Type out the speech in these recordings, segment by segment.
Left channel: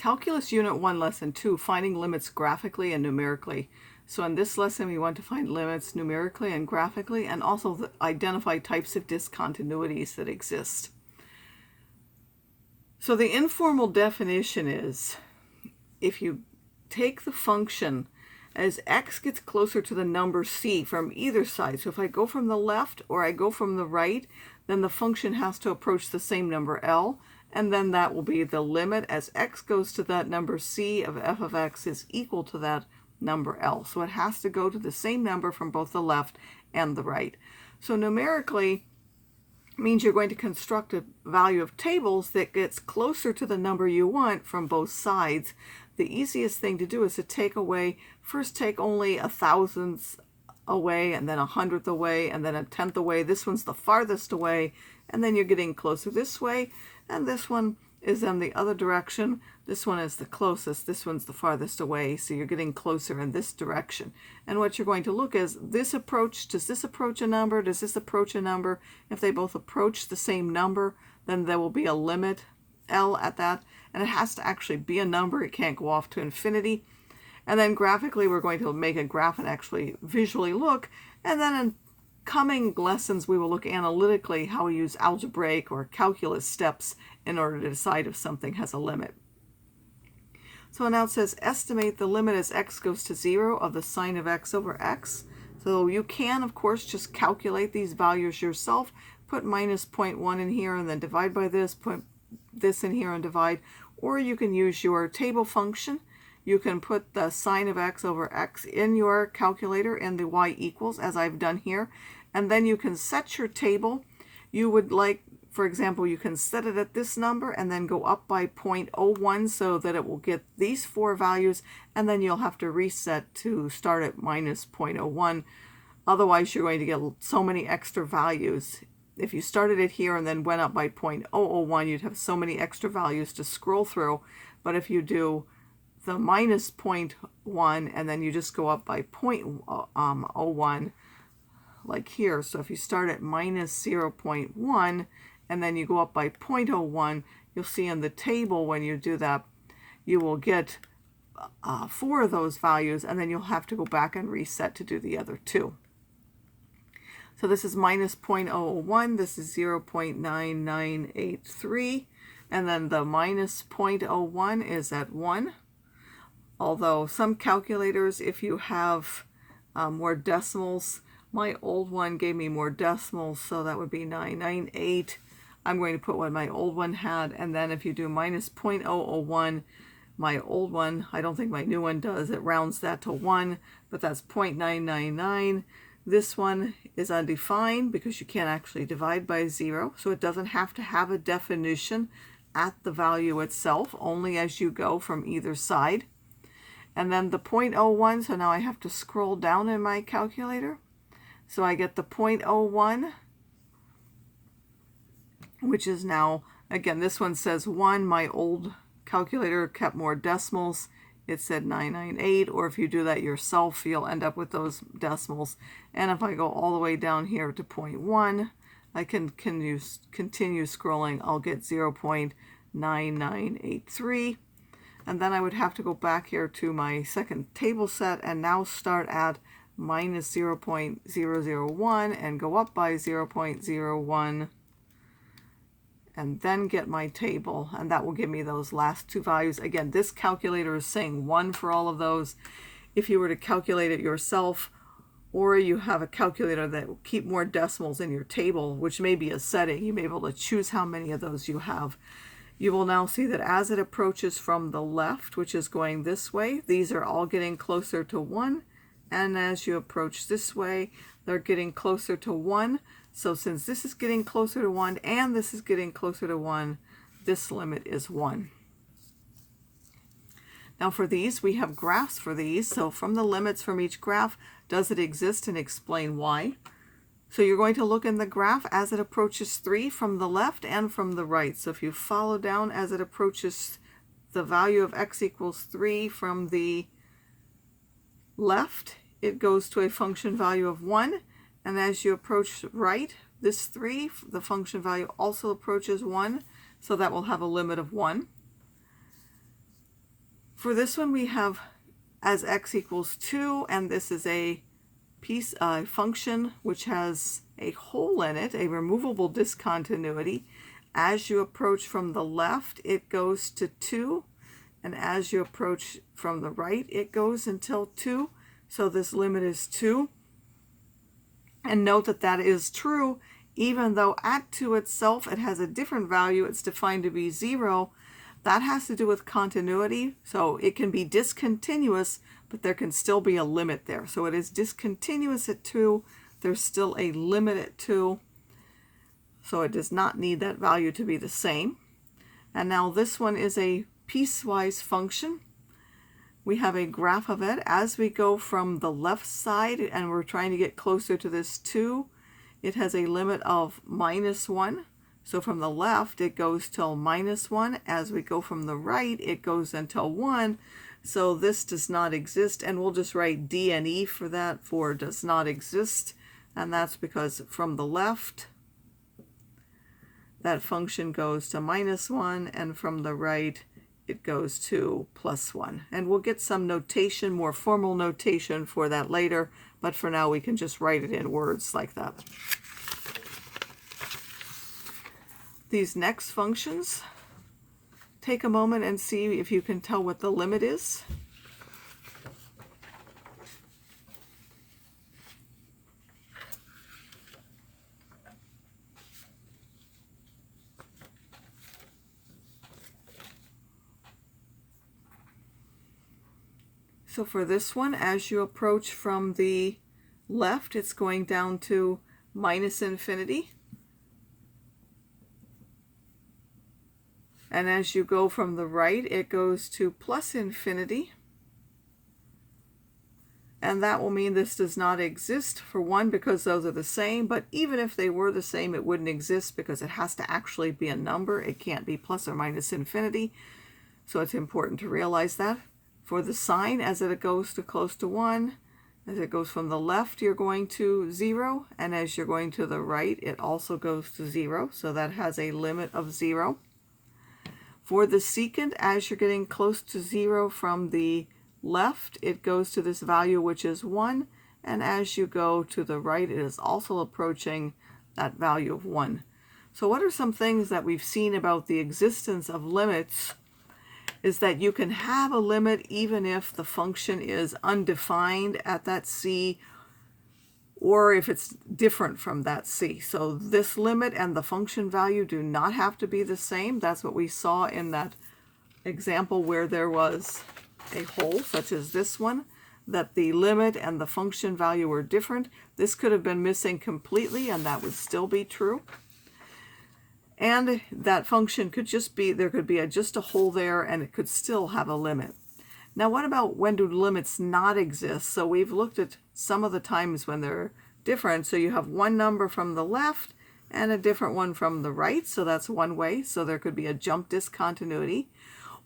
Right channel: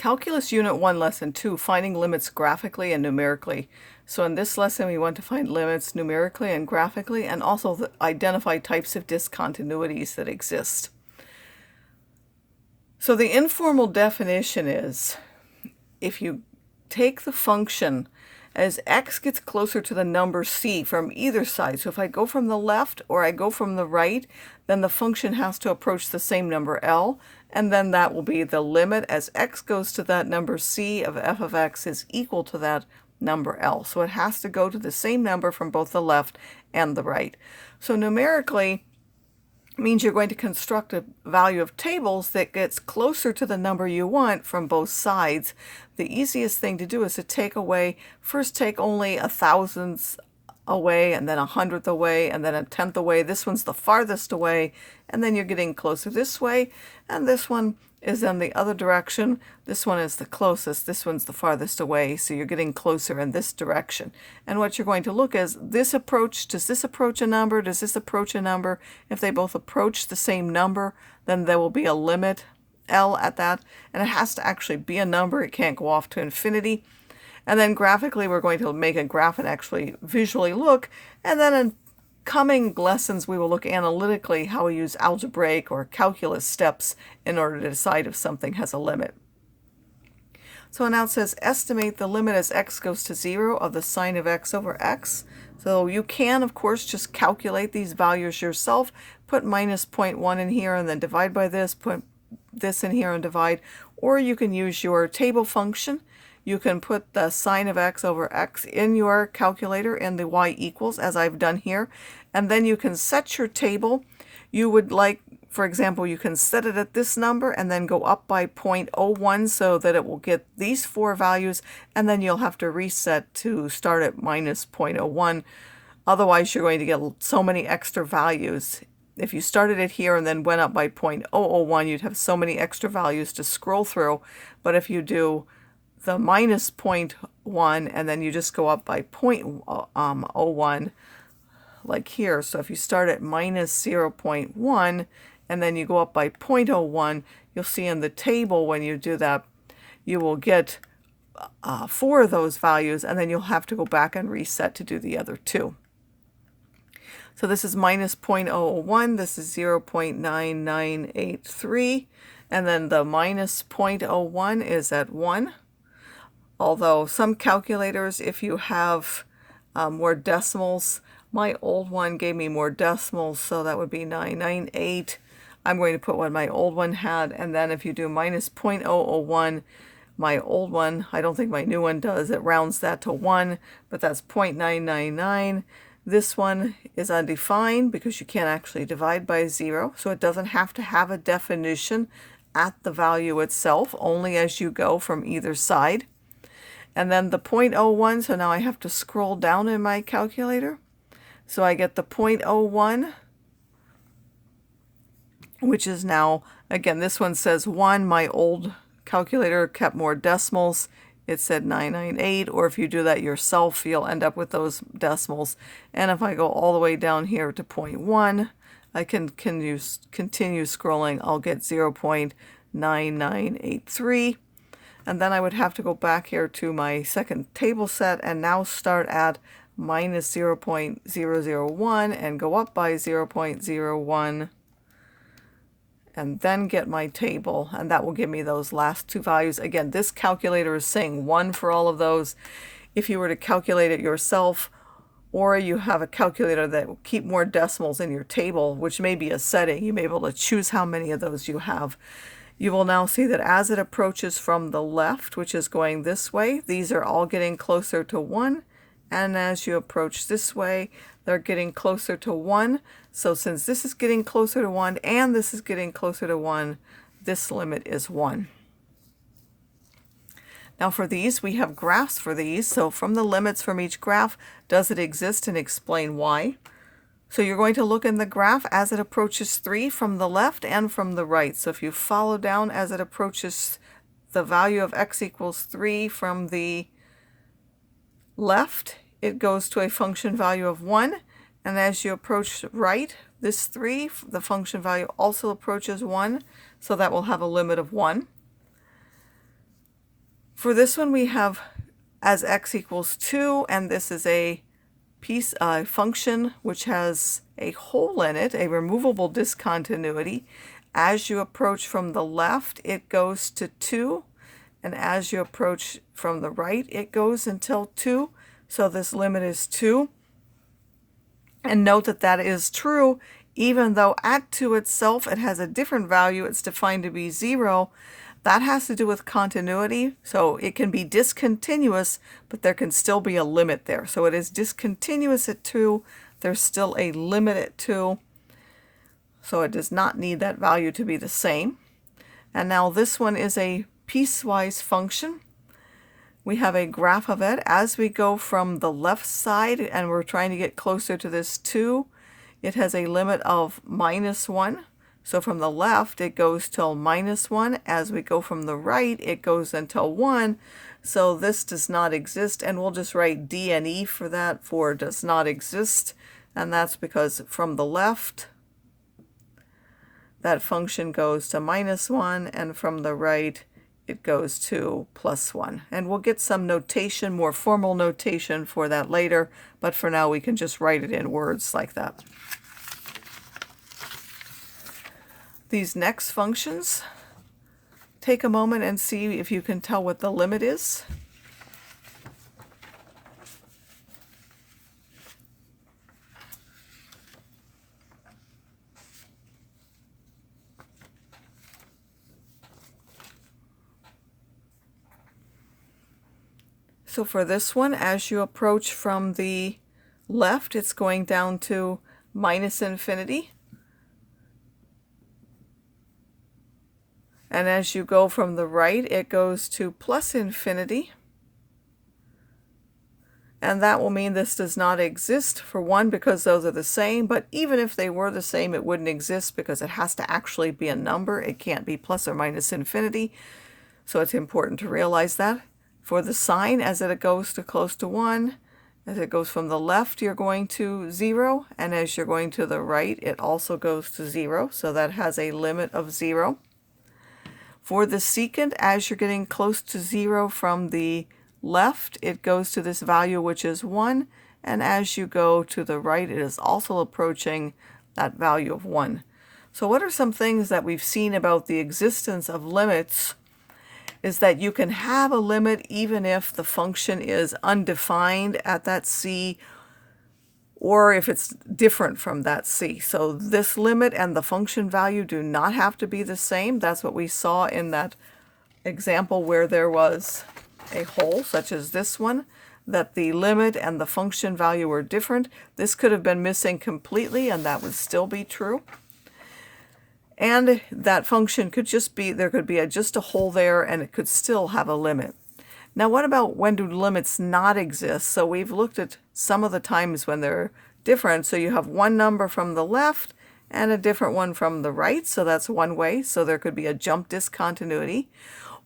Calculus Unit 1, Lesson 2, Finding Limits Graphically and Numerically. So in this lesson, we want to find limits numerically and graphically, and also identify types of discontinuities that exist. So the informal definition is, if you take the function as x gets closer to the number c from either side, so if I go from the left or I go from the right, then the function has to approach the same number L, and then that will be the limit as x goes to that number c of f of x is equal to that number L. So it has to go to the same number from both the left and the right. So numerically means you're going to construct a value of tables that gets closer to the number you want from both sides. The easiest thing to do is to take away, first take only a thousandth away, and then a hundredth away, and then a tenth away. This one's the farthest away, and then you're getting closer this way, and this one is in the other direction. This one is the closest, this one's the farthest away, so you're getting closer in this direction. And what you're going to look is this approach, does this approach a number, does this approach a number? If they both approach the same number, then there will be a limit L at that, and it has to actually be a number, it can't go off to infinity. And then graphically we're going to make a graph and actually visually look, and then in coming lessons we will look analytically how we use algebraic or calculus steps in order to decide if something has a limit. So now it says estimate the limit as x goes to 0 of the sine of x over x. So you can of course just calculate these values yourself, put minus 0.1 in here and then divide by this, put this in here and divide, or you can use your table function. You can put the sine of x over x in your calculator and the y equals, as I've done here, and then you can set your table. You would like, for example, you can set it at this number and then go up by 0.01 so that it will get these four values, and then you'll have to reset to start at minus 0.01. Otherwise, you're going to get so many extra values. If you started it here and then went up by 0.001, you'd have so many extra values to scroll through. But if you do the minus 0.1 and then you just go up by 0.01 like here, so if you start at minus 0.1 and then you go up by 0.01, you'll see in the table when you do that you will get four of those values, and then you'll have to go back and reset to do the other two. So this is minus 0.001, this is 0.9983, and then the minus 0.01 is at 1. Although some calculators, if you have more decimals, my old one gave me more decimals, so that would be 998. I'm going to put what my old one had, and then if you do minus 0.001, my old one, I don't think my new one does, it rounds that to 1, but that's 0.999. This one is undefined because you can't actually divide by 0, so it doesn't have to have a definition at the value itself, only as you go from either side. And then the 0.01, so now I have to scroll down in my calculator. So I get the 0.01, which is now, again, this one says 1. My old calculator kept more decimals. It said 998, or if you do that yourself, you'll end up with those decimals. And if I go all the way down here to 0.1, I can continue scrolling. I'll get 0.9983. And then I would have to go back here to my second table set and now start at minus 0.001 and go up by 0.01 and then get my table, and that will give me those last two values. Again, this calculator is saying 1 for all of those. If you were to calculate it yourself, or you have a calculator that will keep more decimals in your table, which may be a setting, you may be able to choose how many of those you have. You will now see that as it approaches from the left, which is going this way, these are all getting closer to 1. And as you approach this way, they're getting closer to 1. So since this is getting closer to 1 and this is getting closer to 1, this limit is 1. Now for these, we have graphs for these. So from the limits from each graph, does it exist, and explain why. So you're going to look in the graph as it approaches 3 from the left and from the right. So if you follow down as it approaches the value of x equals 3 from the left, it goes to a function value of 1. And as you approach right, this 3, the function value also approaches 1. So that will have a limit of 1. For this one, we have as x equals 2, and this is a function which has a hole in it, a removable discontinuity. As you approach from the left, it goes to 2, and as you approach from the right, it goes until 2. So this limit is 2. And note that that is true, even though at 2 itself it has a different value. It's defined to be 0. That has to do with continuity, so it can be discontinuous, but there can still be a limit there. So it is discontinuous at 2. There's still a limit at 2. So it does not need that value to be the same. And now this one is a piecewise function. We have a graph of it. As we go from the left side and we're trying to get closer to this 2, it has a limit of -1. So from the left, it goes till -1. As we go from the right, it goes until 1. So this does not exist, and we'll just write D and E for that, for does not exist. And that's because from the left, that function goes to -1, and from the right, it goes to +1. And we'll get some notation, more formal notation for that later, but for now we can just write it in words like that. These next functions, take a moment and see if you can tell what the limit is. So for this one, as you approach from the left, it's going down to -infinity. And as you go from the right, it goes to +infinity. And that will mean this does not exist, for one, because those are the same, but even if they were the same, it wouldn't exist because it has to actually be a number. It can't be plus or minus infinity. So it's important to realize that. For the sign, as it goes to close to 1, as it goes from the left, you're going to 0, and as you're going to the right, it also goes to 0, so that has a limit of 0. For the secant, as you're getting close to 0 from the left, it goes to this value, which is 1, and as you go to the right, it is also approaching that value of 1. So what are some things that we've seen about the existence of limits? Is that you can have a limit even if the function is undefined at that c, or if it's different from that c. So this limit and the function value do not have to be the same. That's what we saw in that example where there was a hole, such as this one, that the limit and the function value were different. This could have been missing completely, and that would still be true. And that function could just be, there could be just a hole there, and it could still have a limit. Now what about when do limits not exist? So we've looked at some of the times when they're different. So you have one number from the left and a different one from the right. So that's one way. So there could be a jump discontinuity.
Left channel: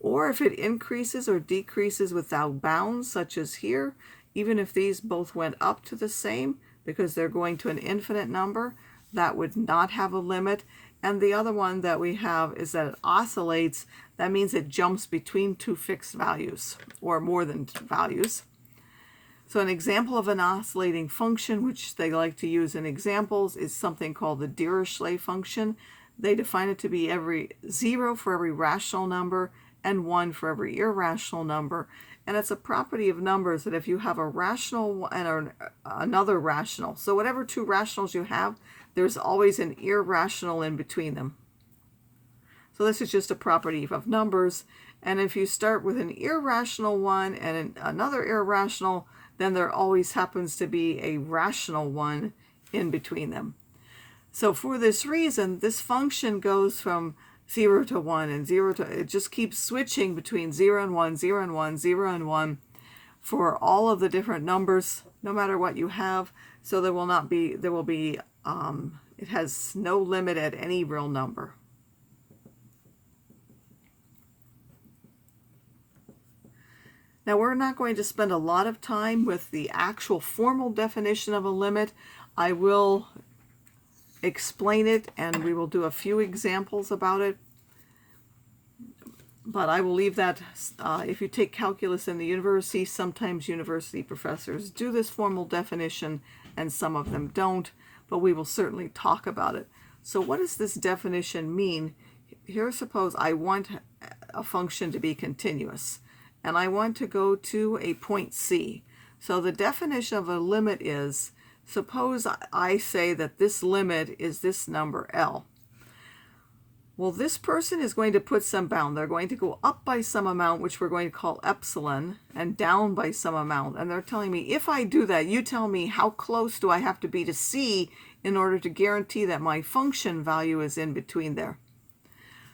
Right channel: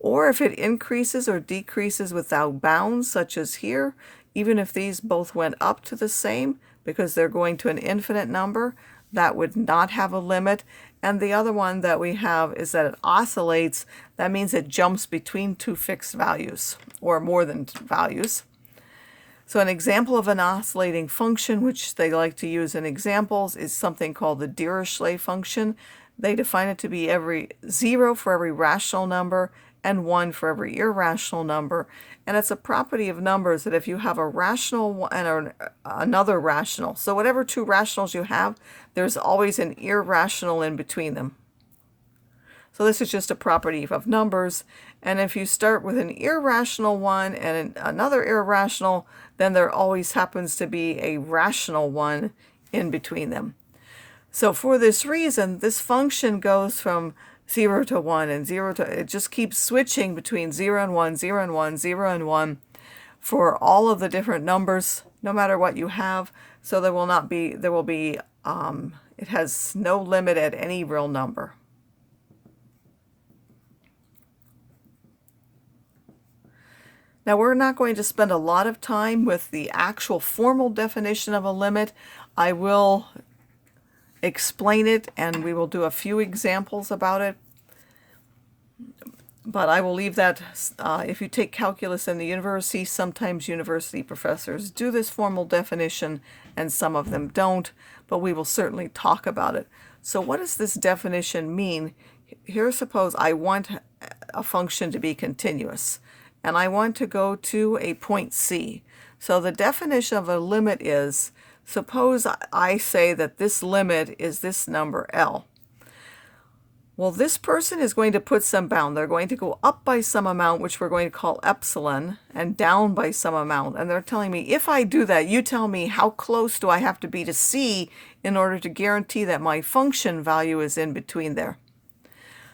Or if it increases or decreases without bounds, such as here, even if these both went up to the same, because they're going to an infinite number, that would not have a limit. And the other one that we have is that it oscillates. That means it jumps between two fixed values, or more than values. So an example of an oscillating function, which they like to use in examples, is something called the Dirichlet function. They define it to be 0 for every rational number and 1 for every irrational number. And it's a property of numbers that if you have a rational and another rational, so whatever two rationals you have, there's always an irrational in between them. So this is just a property of numbers. And if you start with an irrational one and another irrational, then there always happens to be a rational one in between them. So for this reason, this function goes from 0 to 1 and 0 to, it just keeps switching between 0 and 1, 0 and 1, 0 and 1 for all of the different numbers, no matter what you have. So there will not be, it has no limit at any real number. Now we're not going to spend a lot of time with the actual formal definition of a limit. I will explain it and we will do a few examples about it. But I will leave that. If you take calculus in the university, sometimes university professors do this formal definition and some of them don't, but we will certainly talk about it. So what does this definition mean? Here, suppose I want a function to be continuous, and I want to go to a point C. So the definition of a limit is, suppose I say that this limit is this number L. Well, this person is going to put some bound. They're going to go up by some amount, which we're going to call epsilon, and down by some amount. And they're telling me, if I do that, you tell me how close do I have to be to C in order to guarantee that my function value is in between there.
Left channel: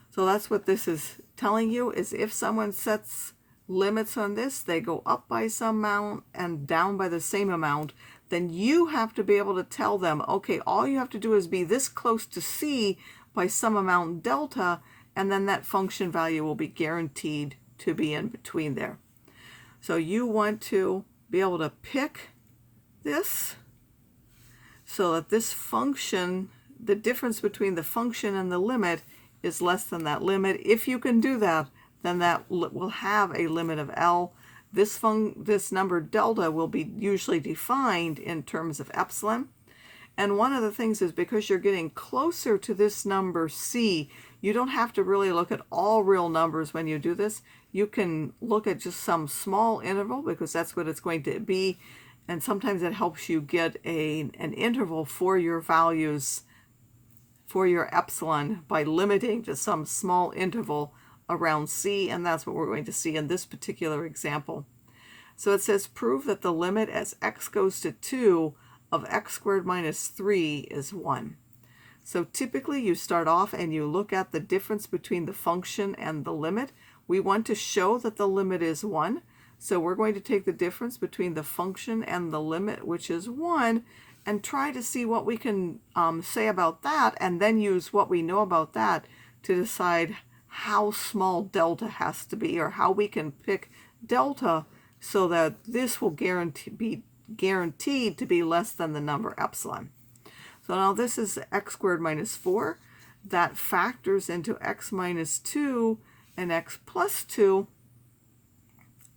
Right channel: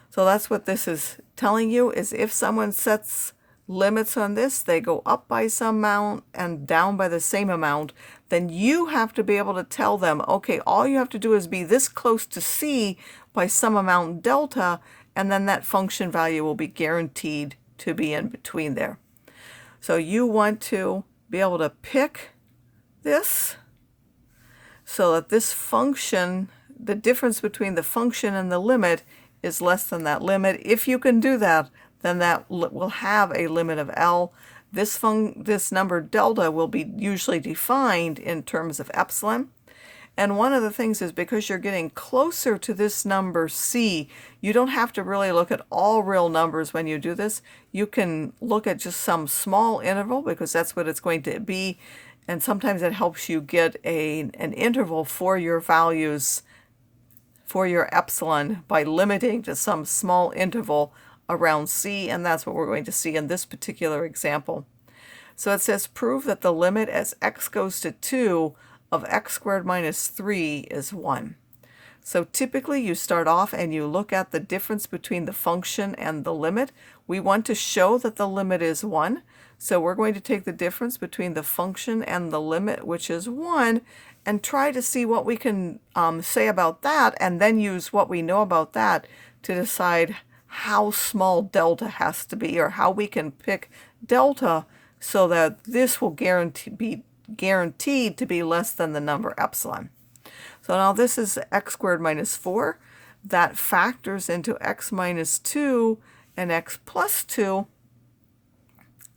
So that's what this is telling you, is if someone sets limits on this, they go up by some amount and down by the same amount, then you have to be able to tell them, okay, all you have to do is be this close to C by some amount delta, and then that function value will be guaranteed to be in between there. So you want to be able to pick this so that this function, the difference between the function and the limit, is less than that limit. If you can do that, then that will have a limit of L. This number delta will be usually defined in terms of epsilon. And one of the things is, because you're getting closer to this number C, you don't have to really look at all real numbers when you do this. You can look at just some small interval, because that's what it's going to be. And sometimes it helps you get an interval for your values, for your epsilon, by limiting to some small interval around C, and that's what we're going to see in this particular example. So it says, prove that the limit as x goes to 2 of x squared minus 3 is 1. So typically you start off and you look at the difference between the function and the limit. We want to show that the limit is 1. So we're going to take the difference between the function and the limit, which is 1, and try to see what we can say about that, and then use what we know about that to decide how small delta has to be, or how we can pick delta so that this will be guaranteed to be less than the number epsilon. So now this is x squared minus 4. That factors into x minus 2 and x plus 2.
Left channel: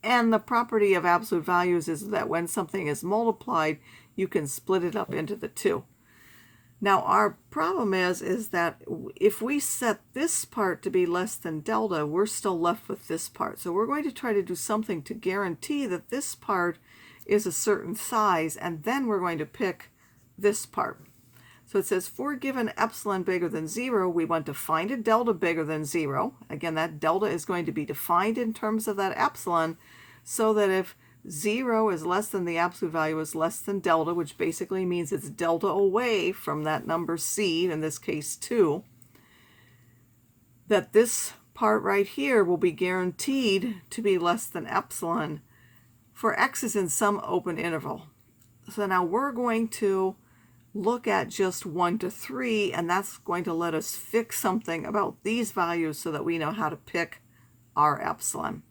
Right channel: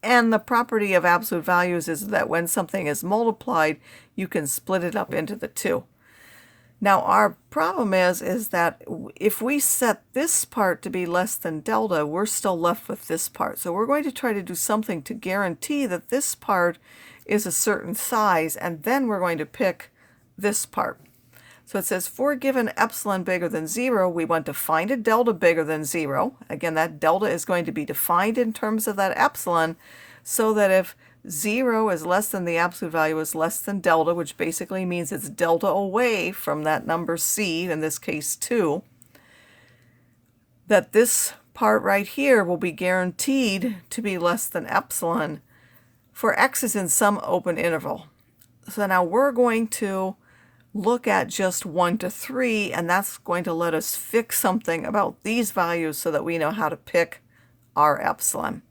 And the property of absolute values is that when something is multiplied, you can split it up into the two. Now our problem is that if we set this part to be less than delta, we're still left with this part. So we're going to try to do something to guarantee that this part is a certain size, and then we're going to pick this part. So it says, for given epsilon bigger than 0, we want to find a delta bigger than 0. Again, that delta is going to be defined in terms of that epsilon, so that if 0 is less than the absolute value is less than delta, which basically means it's delta away from that number C, in this case 2, that this part right here will be guaranteed to be less than epsilon for x is in some open interval. So now we're going to look at just 1 to 3, and that's going to let us fix something about these values so that we know how to pick our epsilon.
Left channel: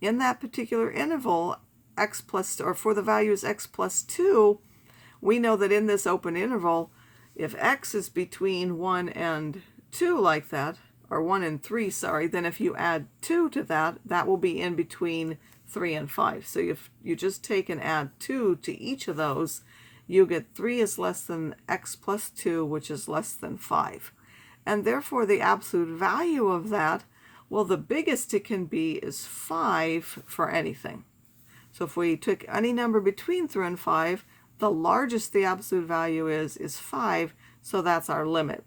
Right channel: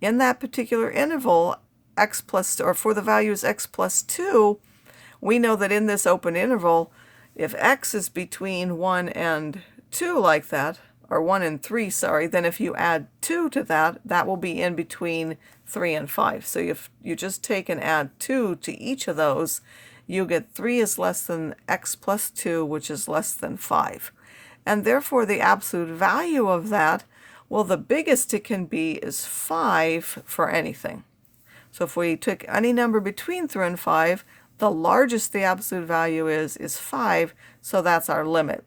In that particular interval, x plus, or for the values x plus 2, we know that in this open interval, if x is between 1 and 2 like that, or 1 and 3, sorry, then if you add 2 to that, that will be in between 3 and 5. So if you just take and add 2 to each of those, you get 3 is less than x plus 2, which is less than 5. And therefore the absolute value of that, well, the biggest it can be is 5 for anything. So if we took any number between 3 and 5, the largest the absolute value is 5, so that's our limit.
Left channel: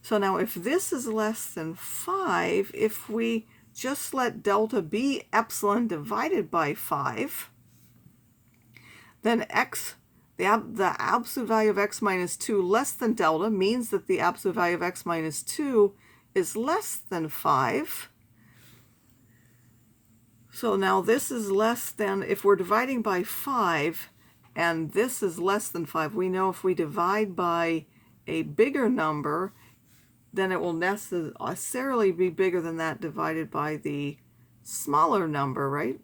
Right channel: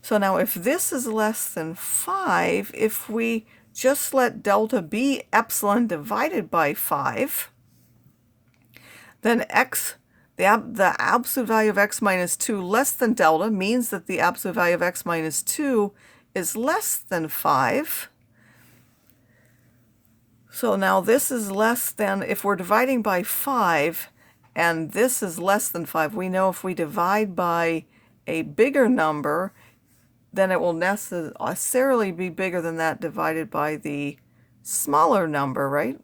So now if this is less than 5, if we just let delta be epsilon divided by 5, then the absolute value of x minus 2 less than delta means that the absolute value of x minus 2 is less than 5. So now this is less than, if we're dividing by 5, and this is less than 5, we know if we divide by a bigger number, then it will necessarily be bigger than that divided by the smaller number, right?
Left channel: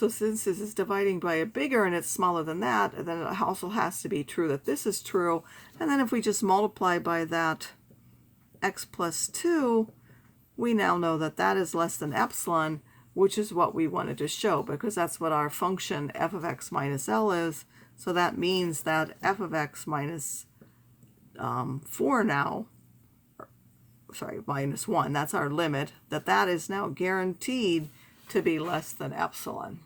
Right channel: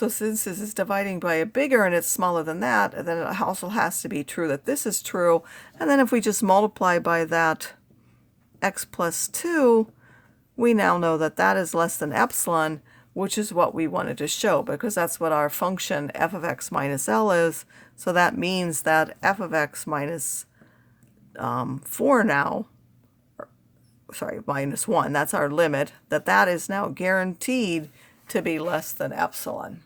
So since this is dividing by a bigger and it's smaller than that, then it also has to be true that this is true. And then if we just multiply by that x plus 2, we now know that that is less than epsilon, which is what we wanted to show, because that's what our function f of x minus L is. So that means that f of x minus 4 now, sorry, minus 1, that's our limit, that is now guaranteed to be less than epsilon.